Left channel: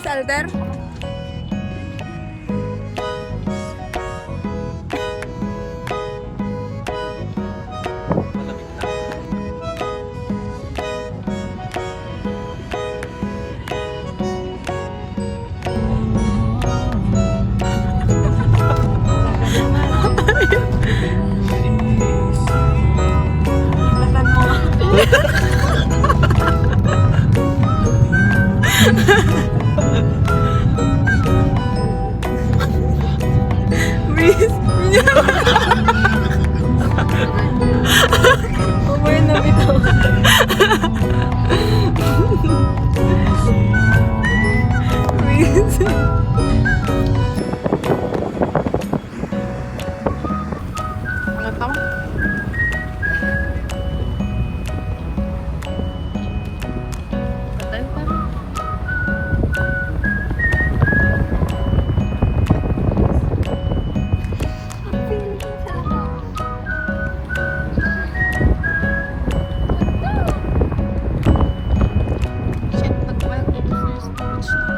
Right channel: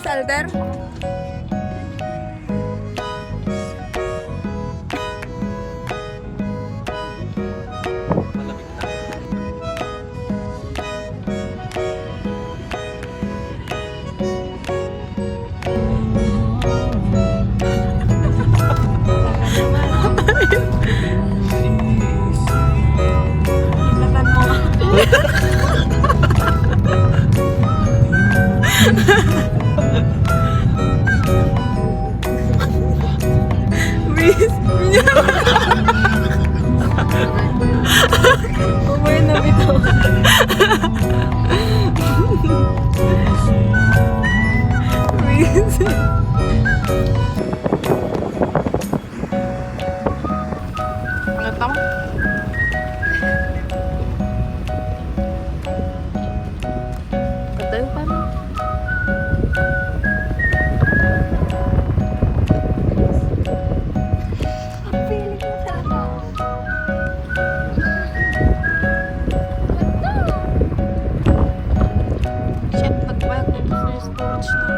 sa altar? Malamig na. Latan mo. Miss. Umay na bitaw. Miss. Ang tama. Hotel pa rin. Shit, pagpag sa storage na.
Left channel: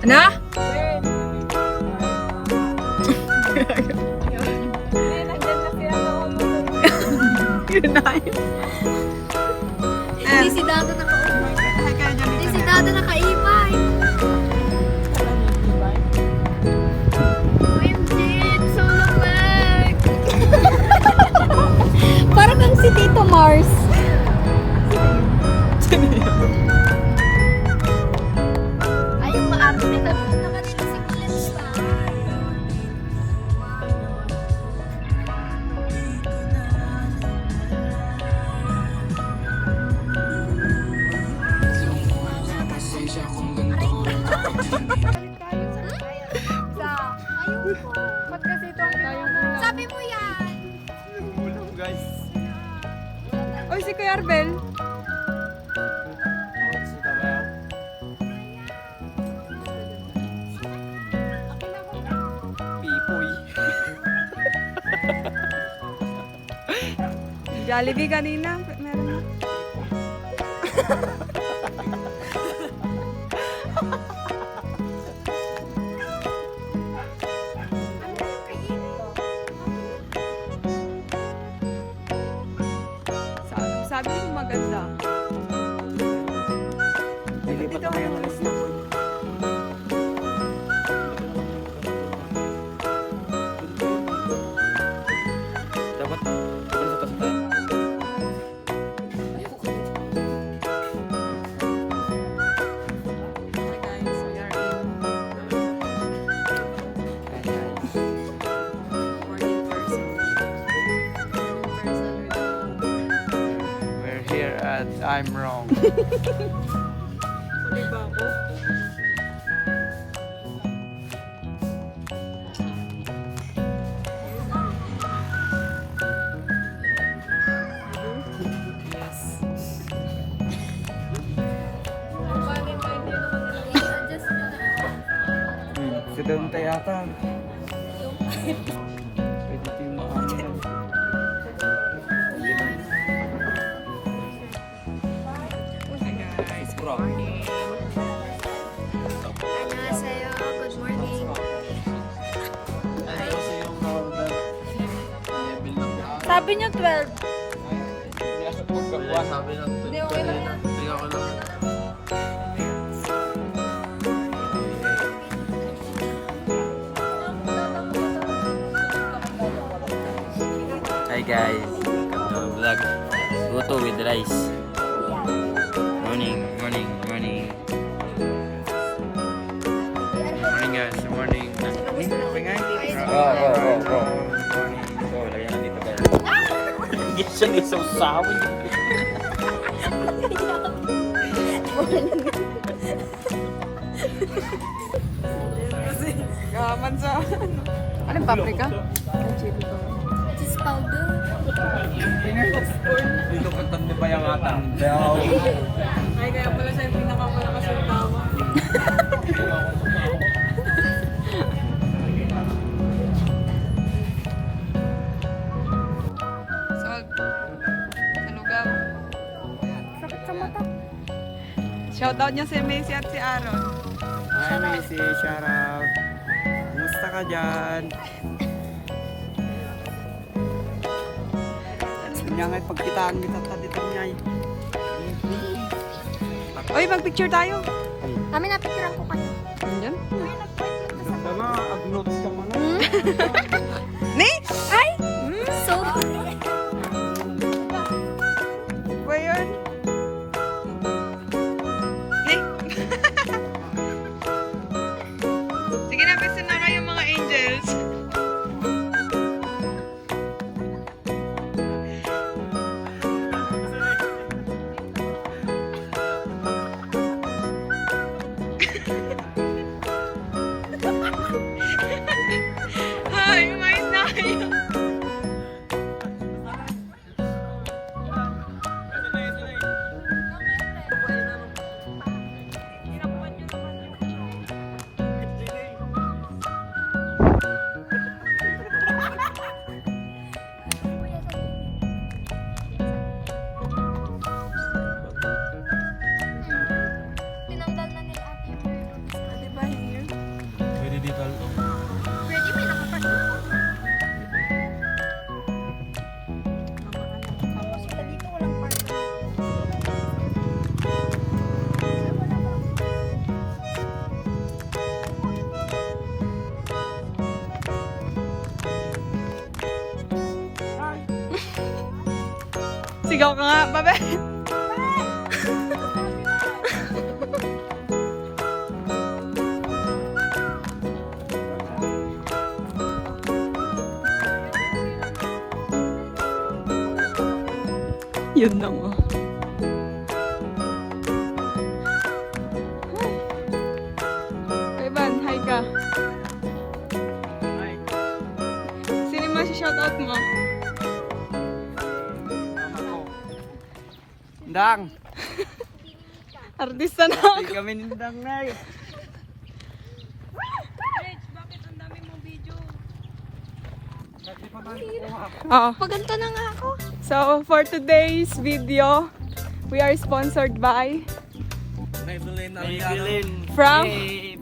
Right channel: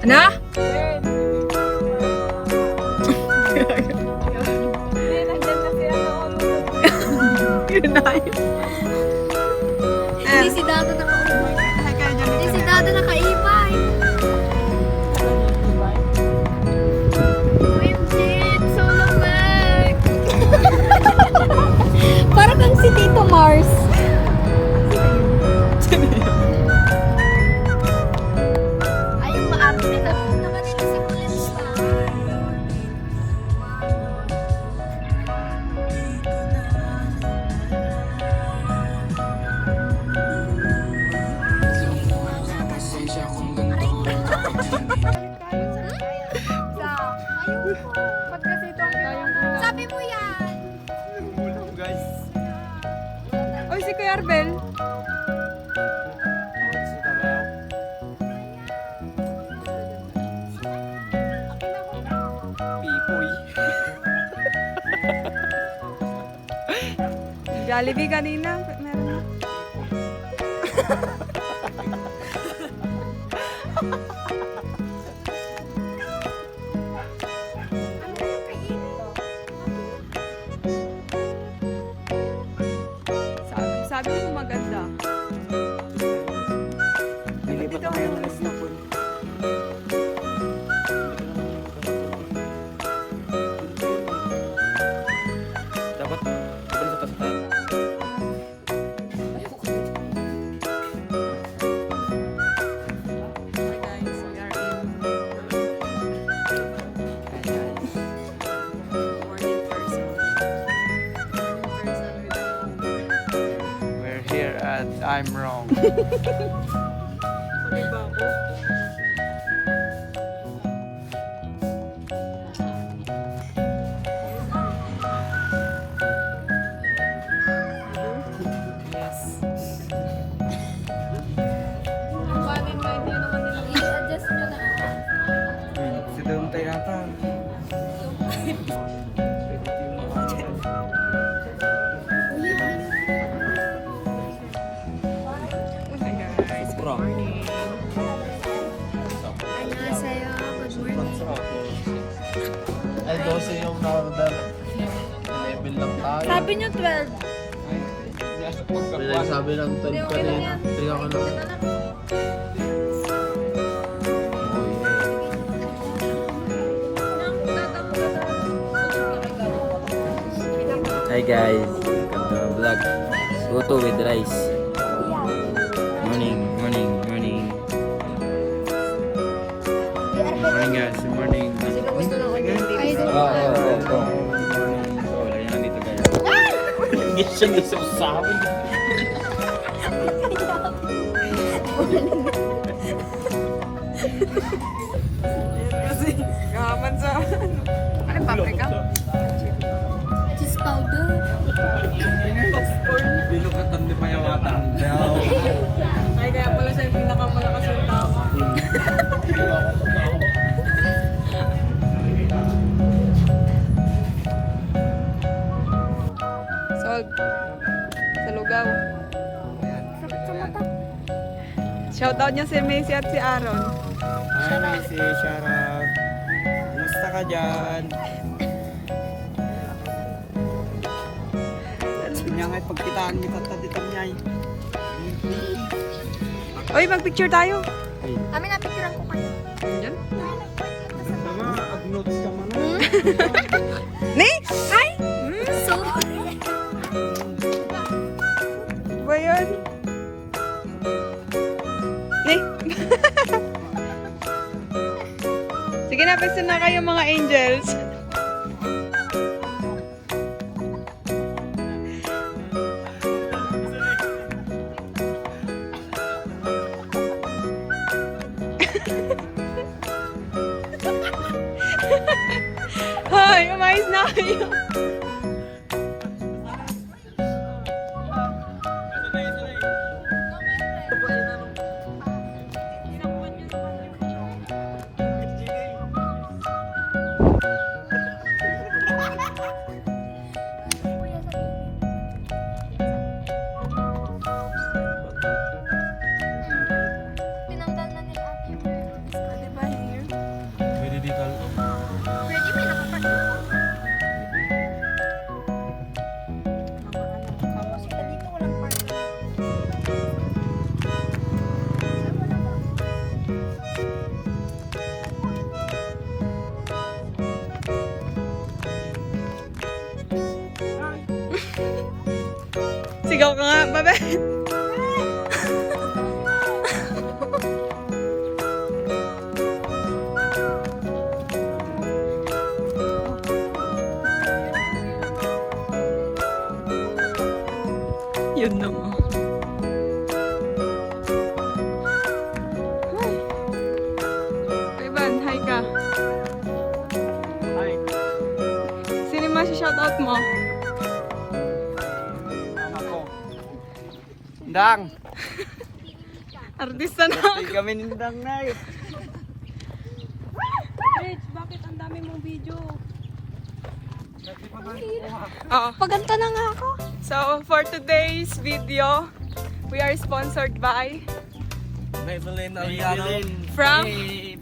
Ano? Yun na yun. Hindi si Dado Hindi si Dado nakaibay. OMG, it's so long back. Parang kang si Tito Mars. Ay, yung maarte na. Nakanila si Kulit Star. Ba't kasi ito ang tayong ulam? Sabi mo yan. Ulam, guys. Oy, si Kuya Arbel. Pipoy. Jollibee kanina. Meron na. Sabi mo maganda. Nilipat na kayo ng Lisbon. Dapat sa taas. Hi guys, we are in morning person. Morning person with We're here at I'm Wrong. Huli ba ako? Yes. I-adjust mo na. Si Dante yata. Pwede yung mga Hi guys, good morning. Annyeonghaseyo, good morning. Sabi niya 12. Sabi lang, tiga ko lang. Hi guys, welcome to my vlog. Luto with rice. Morning, morning, morning. Morning guys, morning. Gising isang sabi. Gaman sa ano? Anong paprika? Cheese powder. Binukatan ni pa yung atang. Wag. Sa lugaw. Sakit sa mata. Shoutout niya si Macy at si Aaron. Hi, Macy. Shout out. Kumusta ka dyan? Nga nga'y pagkitaan kita dito niya'y. Oy, mag-picture tayo. Kami na picture ko kayo. Diyan. Ganda na, ag-notes ka man. Ni? Ay! Sorry. Ba yun? Ni? Sige na, pwede na kayo mga angels. Hoy, umayos na kayo. Kuya, sa tinanggal na nila ate yung meron. Diba here? Pwede dito. Pwede, may nakapasok. Sila dito walang parking. Ay, wala ba? Sigaw ka nga, babe. Yun naman. Hi. Ivan, hi ka. Hi. Sino yung shoutout mo? Mama ko. Dang. Artista na. Hindi kami nindang na eh. Rich, bakit ang dami mong video? Oo. Paganta na nga ako. So, for today's video, we are sponsored by Maybelline Aliano.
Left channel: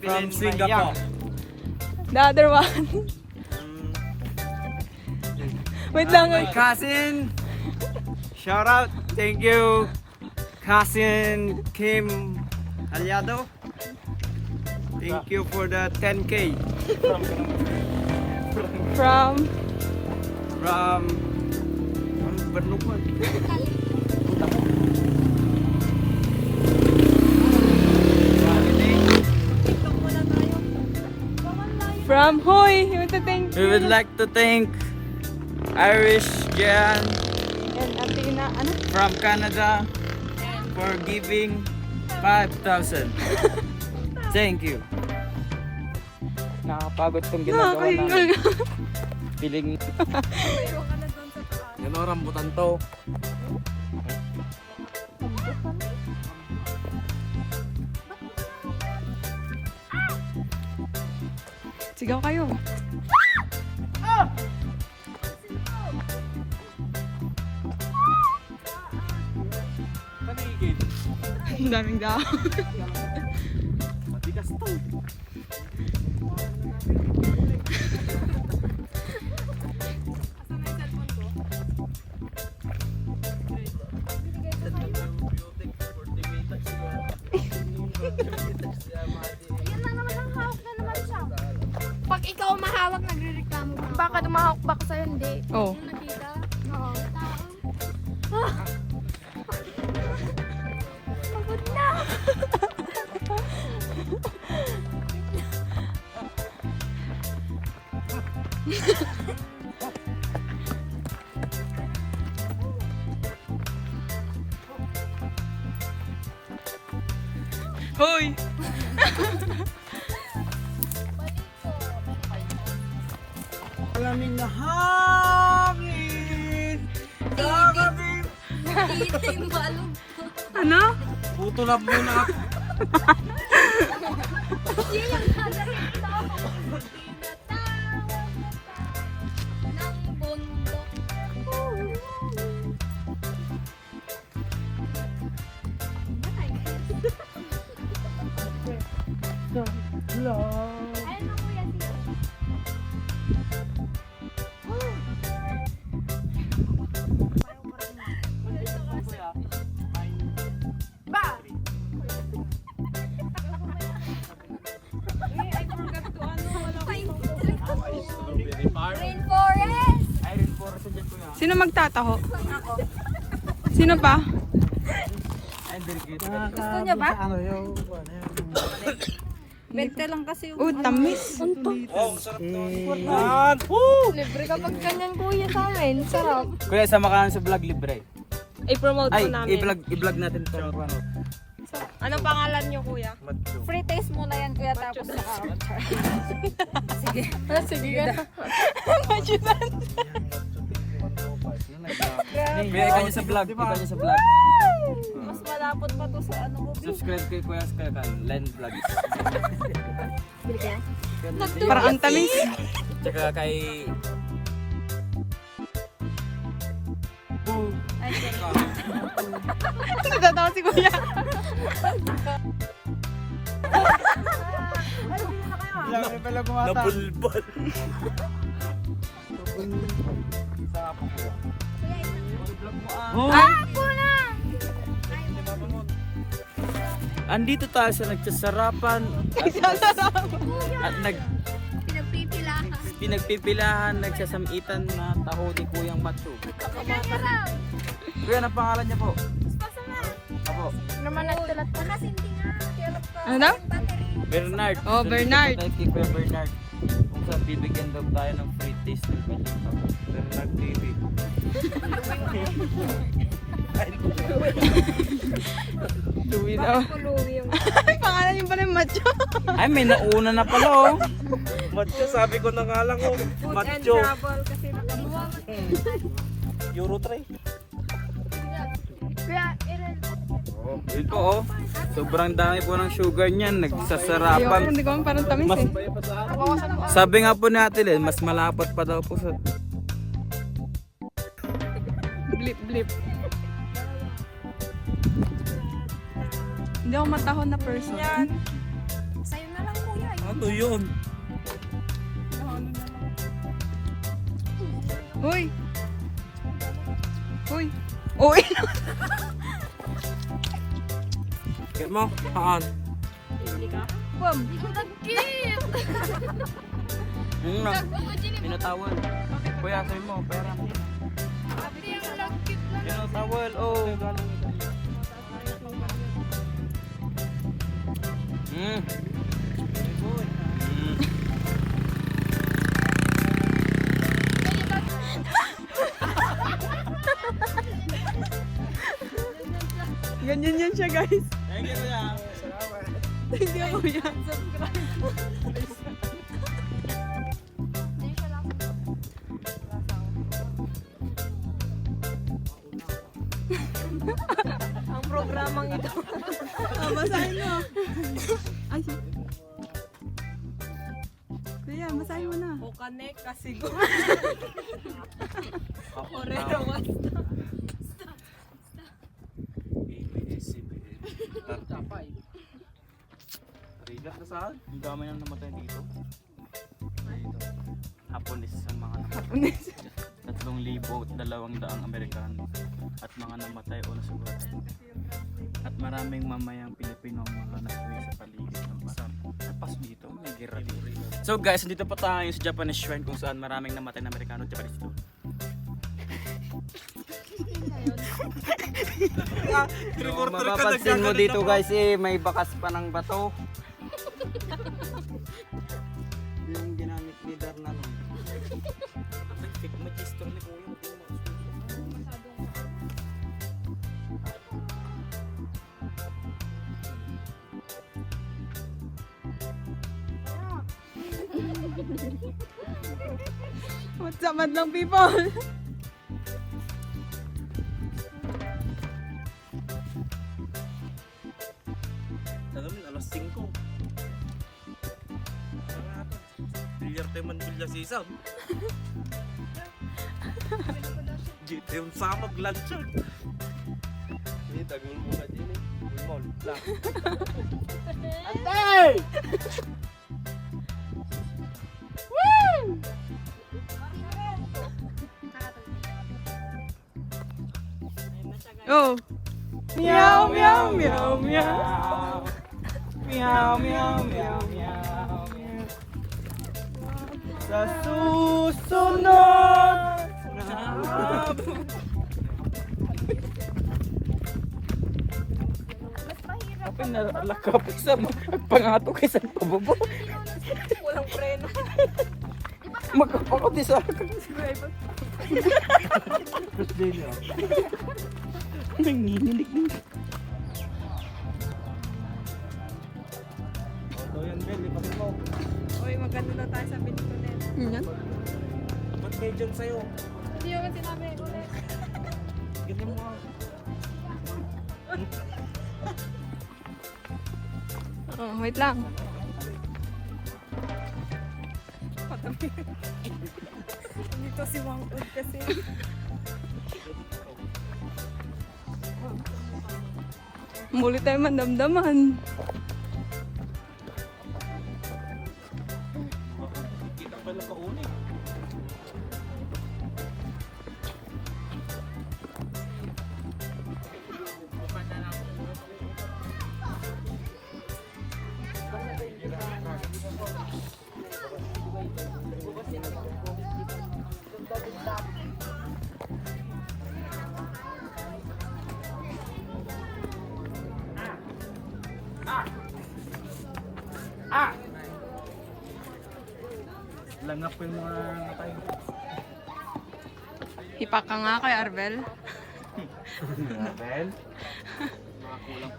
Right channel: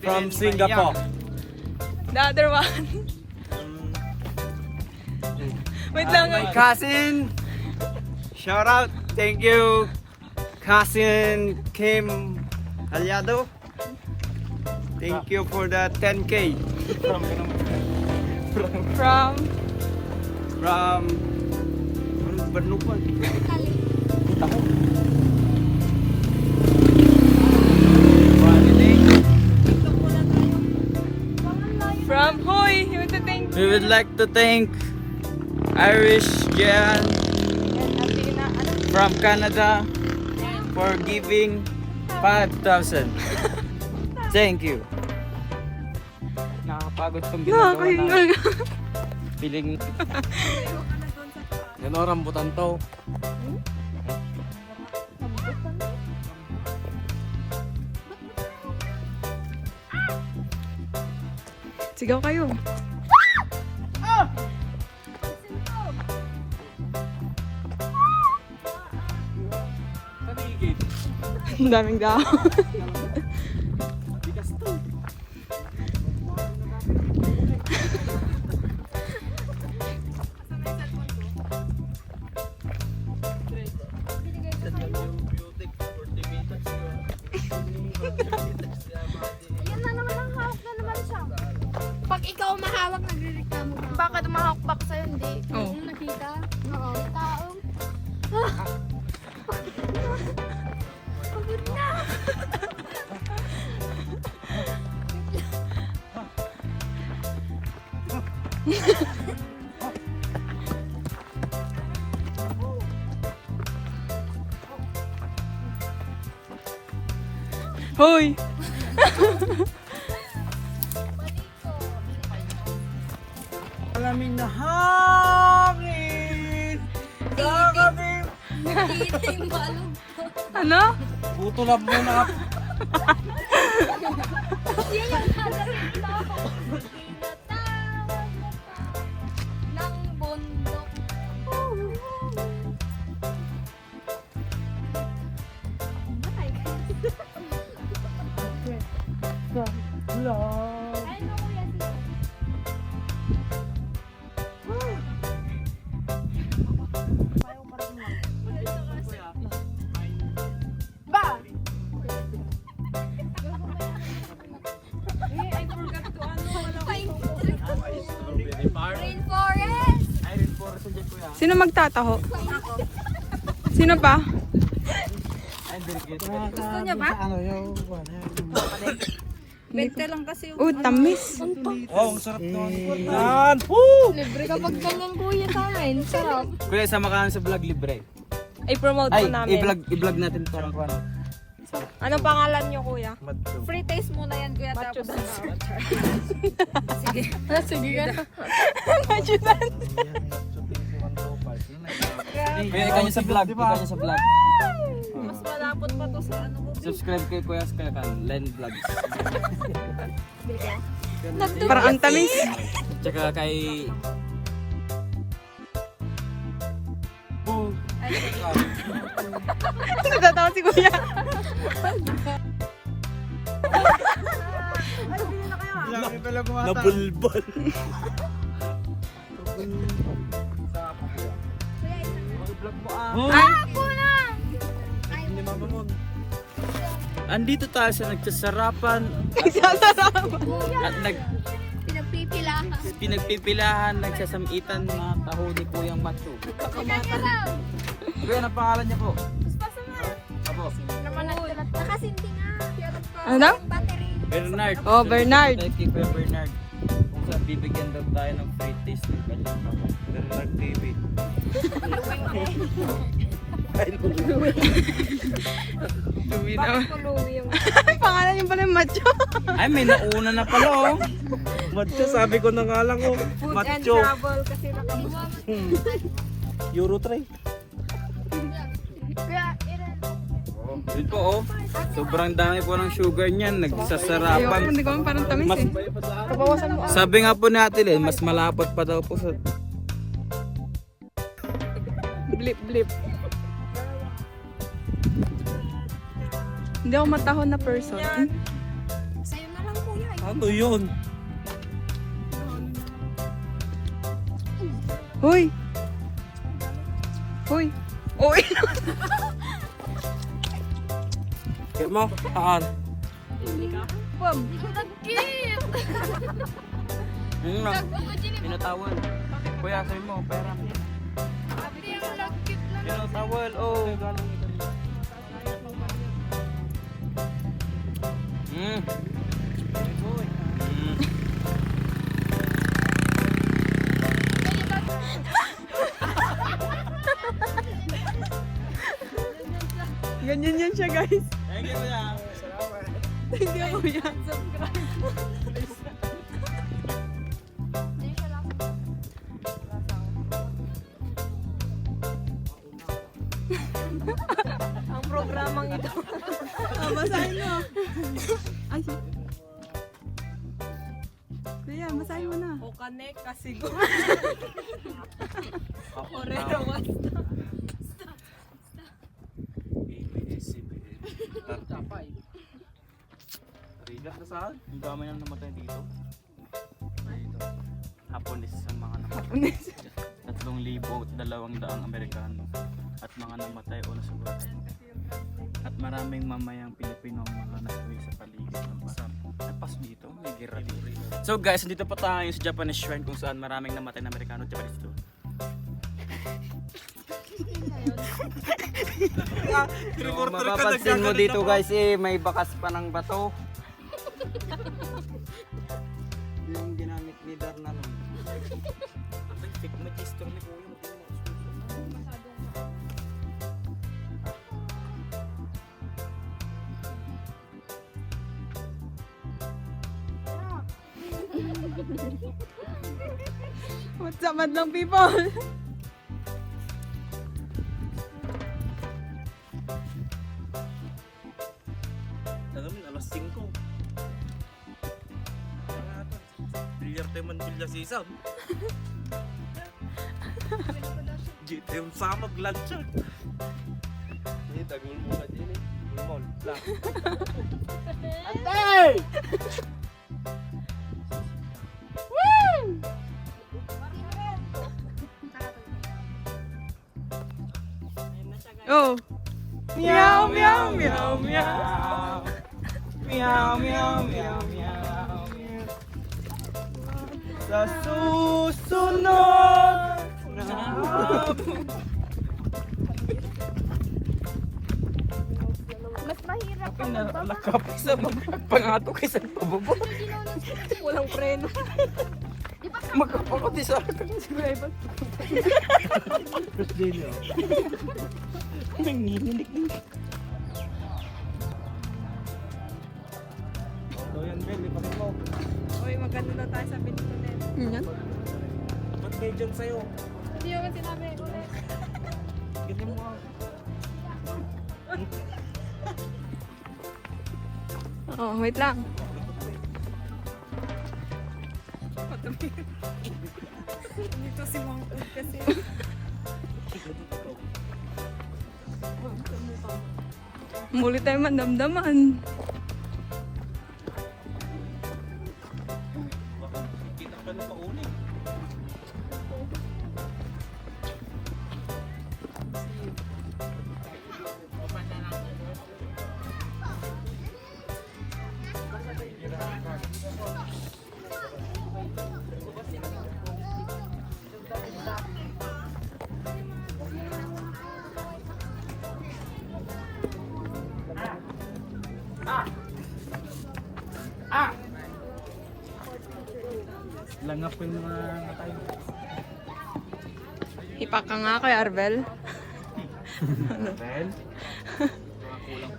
from Singapore. the other one. Wait lang. My cousin. Shout out. Thank you. Cousin Kim Aliado. Thank you for the 10K From from Bernupan. From Hoy, you want to thank We would like to thank Irish Jan from Canada for giving 5,000. Thank you. Nakapagod tong Nakakahinga. Piling. Yan o, rambutan to. Sigaw kayo. Ang daming dao. Yan na naman ang hawak na naman siya. Pag ikaw mahawak, nagrereklamo ka. Baka dumahawak sa'yo, hindi. Oh. Nakita? Oo. Tao. Pagod na. Hoy! Alaming na hangin. Hangin. Ano? Putulap muna ako. Sino magtataho? Sino pa? Gusto niya ba? Ano yung... Bente lang kasi yung... Oh, tamis. Libre kapag ganyan kuya sa akin. Sarap. Kuya, sama ka sa vlog libre. I-promote Ay, i-vlog natin ito. Ano pangalan niyo kuya? Free taste muna yan kuya tapos. Sige. Sige. Kuya, ikaw niyo sa vlog. Ikaw niyo sa vlog. Mas malapot pa to sa ano ko. Subscribe kay Kuya Kuya Kan, Len Vlogs. Parang ang tamis. Tsaka kay... Nagtatawa si kuya. Nabulbol. Andito tayo sa nagsasarapan at pinagpipilahan, nagsasamitan na taho ni Kuyang Matsu. Kuya, ano pangalan niya po? Ako. Ano daw? Bernard. Oh, Bernard. Tayo kay Kuya Bernard. Kung saan bibigyan daw tayo ng free taste ng kanyang Bernard TV. Duwi na. Pangalan yung pala yung macho. Ay, may nauna na pala oh. Macho, sabi ko na nga lang oh. Macho. Kasi nakabuwag. Euro 3. Dito oh. Sobrang dami po ng sugar niyan. Ayoko, Nagsasarapan. hindi ko man parang tamis Mas, eh. sabi nga po natin eh, mas malapot pa daw po sa... Blip, blip. Hindi ako matahon na person. Sa'yo na lang kuya. Ano yun? Huy! Huy! Uy! Kaya mo, haan. Bam! Nag-cute! Na, pinatawal. Kuya, sabi mo, pera mo. Nag-cute lang. Pinatawal, oh. Mm. Mm. Ganyan yan siya guys. Thank you, kuya. Thank you kuya. Ang programang ito. Oh, basahin mo. Ay. Kuya, basahin mo na. O kanek kasi go. Orero, Rigat na saan? Ang dami nang namatay dito. Dito. Hapones ang mga namatay. 3,200 Amerikano at mga namatay o nasugat. At maraming mamayang Pilipino ang mga nasuwi sa paligid ng basan. Napas dito, may gira dito. So guys, dito pa tayo sa Japanese shrine kung saan maraming namatay na Amerikano at Japanese dito. So, mapapansin mo dito guys may bakas pa ng bato. Yung ginamit ni Darnalon. Ay, fake magister ni Kuya. What's up, madlang people? Tagamin, alas 5. Bilyar tayo man bilya sisam. Jito yung samag lansyon. Ini tagul mo ka dyan eh. Gulmol. Lang. Antay! Oh. Meow, meow, meow. Meow. Meow, meow, meow, meow. Sa susunod Mas mahirap. Nalakap isa pangato kaysa pababa. Walang preno. Magkapakot isa. Nanginginig din. So yan, Ben, ipakit mo. Uy, maganda na tayo sa Benitonet. Yan. Ba't may dyan sa'yo? Hindi naman sinabi ulit. Ganyan mo. Oh, wait lang. Dito si Mang Ud kasi. Muli tayo mandamdaman. Langap yung mga matay. Hipak ka nga kay Arvel. Ben?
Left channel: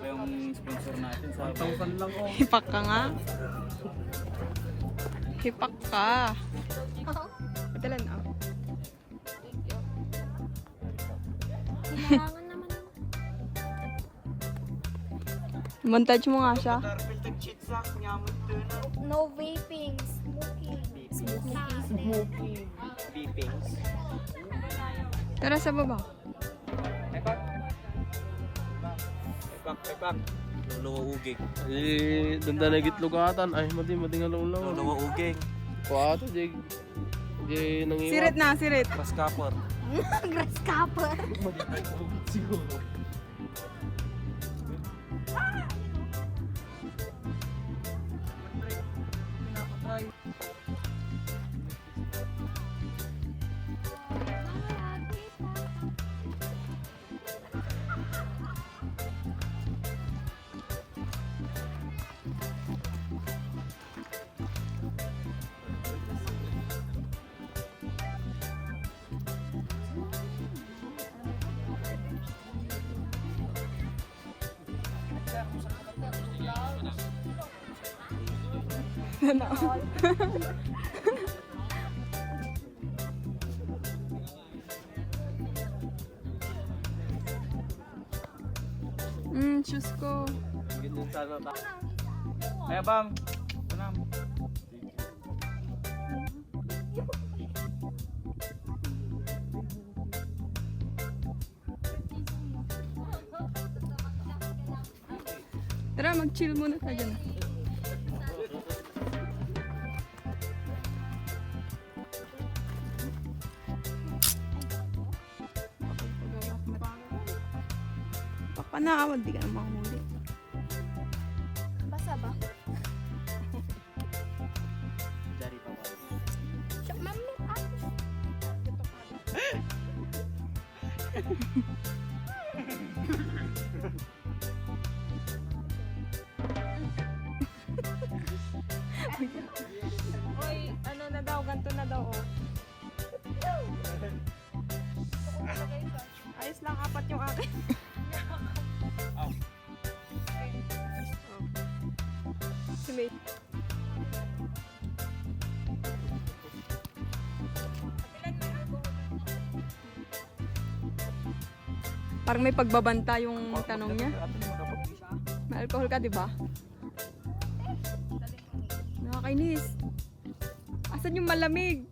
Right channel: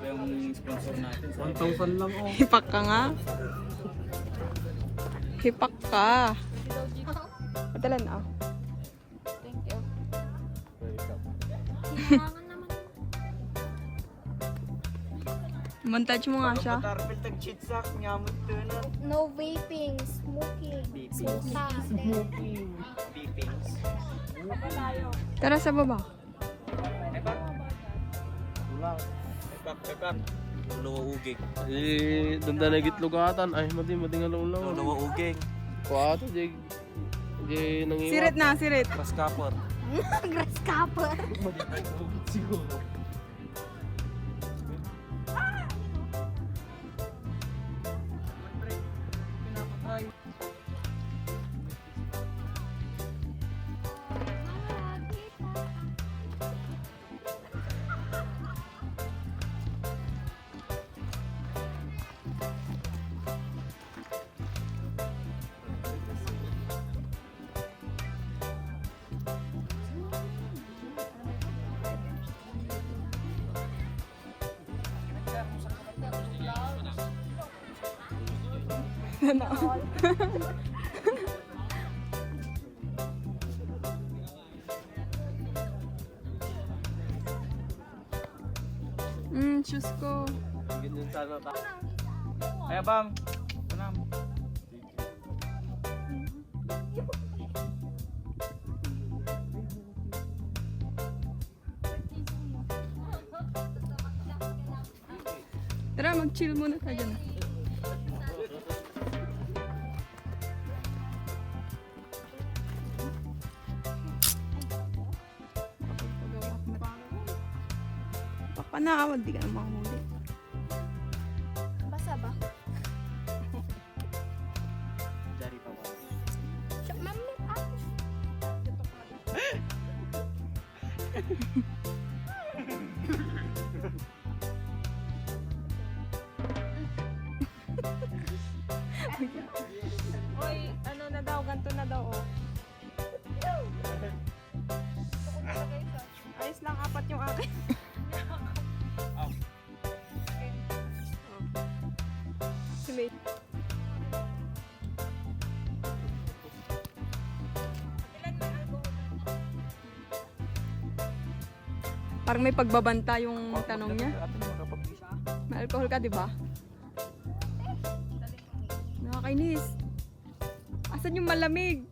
Yung sponsor natin. 1,000 lang oh. Hipak ka nga. Hipak ka. Padalan ah. Montage mo nga siya. No vaping, smoking. Smoking. Tara sa baba. Luwauging. Eh, danda na gitlugatan. Ay, mati nga lang. Luwauging. Kuwato, jay. Jay, nangiwa. Sirit na, sirit. Paskapor. Grasshopper. Siguro. Shoes ko. Ganyan sana ta. Ay, bam. Punam. Tara, mag-chill muna tayo dyan. Papanawad, di ka na makahuli. Basa ba? Dari pa ba? Mami, Oy, ano na daw, ganito na daw, oh. Ayos lang, 4 yung akin. Oh. Si May. Parang may pagbabanta yung tanong niya. May alcohol ka, di ba? Nakakainis. Asan yung malamig?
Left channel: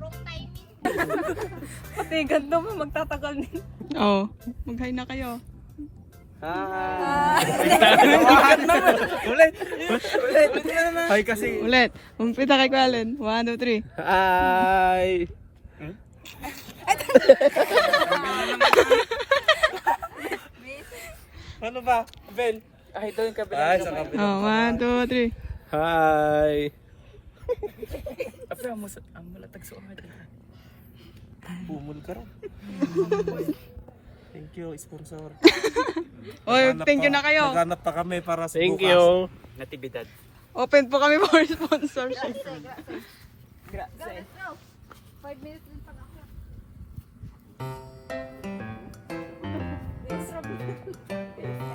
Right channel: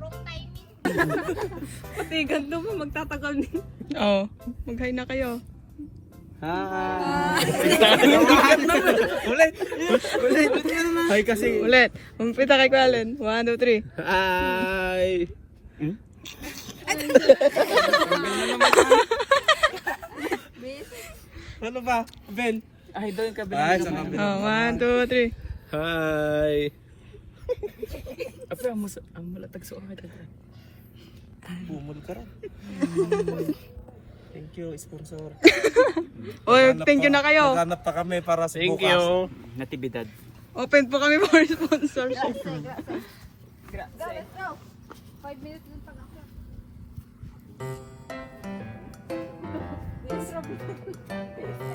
wrong timing. Kasi ganito mo, magtatagal din. Oo. Mag-hi na kayo. Hi kasi. Ulit. Umpita kay Kualin. 1, 2, 3. Hi. Ano ba? Ben? Ay, doon ka Ay, sa kabila. Oh, 1, 2, 3. Hi. Apa ang malatag sa mga dito. Pumul ka rin. Thank you, sponsor. Oy, thank you na kayo. Naghanap pa kami para sa Thank bukas. you. Natibidad. Open po kami for sponsorship. Go, let's go. 5 minutes lang pag ako. Yes, Rob.